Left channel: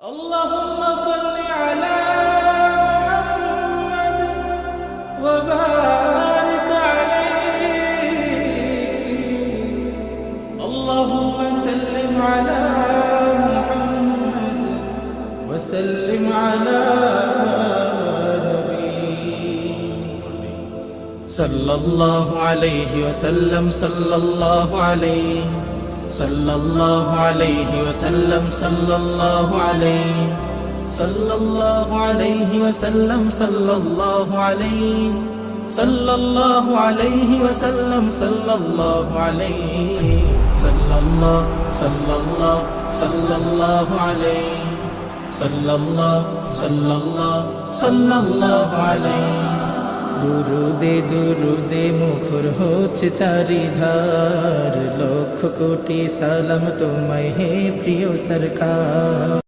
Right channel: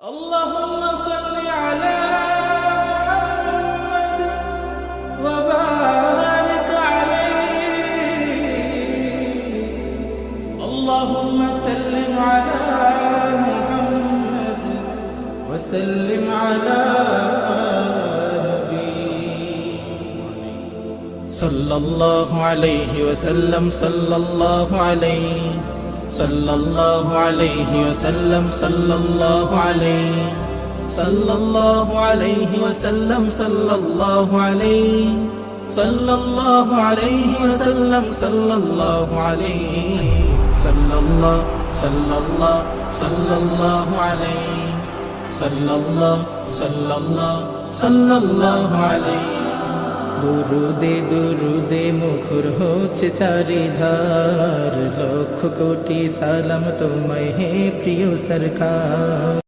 اللهم صل على محمد وبارك عليه. اللهم سلم على محمد وسلم على نبي صلى الله عليه وسلم صلى الله عليه صلى الله عليه وسلم صلى الله عليه صلى الله عليه وسلم صلى الله عليه صلى الله عليه وسلم صلى الله عليه صلى الله صلى الله صلى الله عليه صلى الله صلى الله صلى الله عليه. দুরুদে দুরুদে মুখর হচ্ছে চারিধার, লক্ষ কোটি সালাম তোমায় হে প্রিয় সরকার।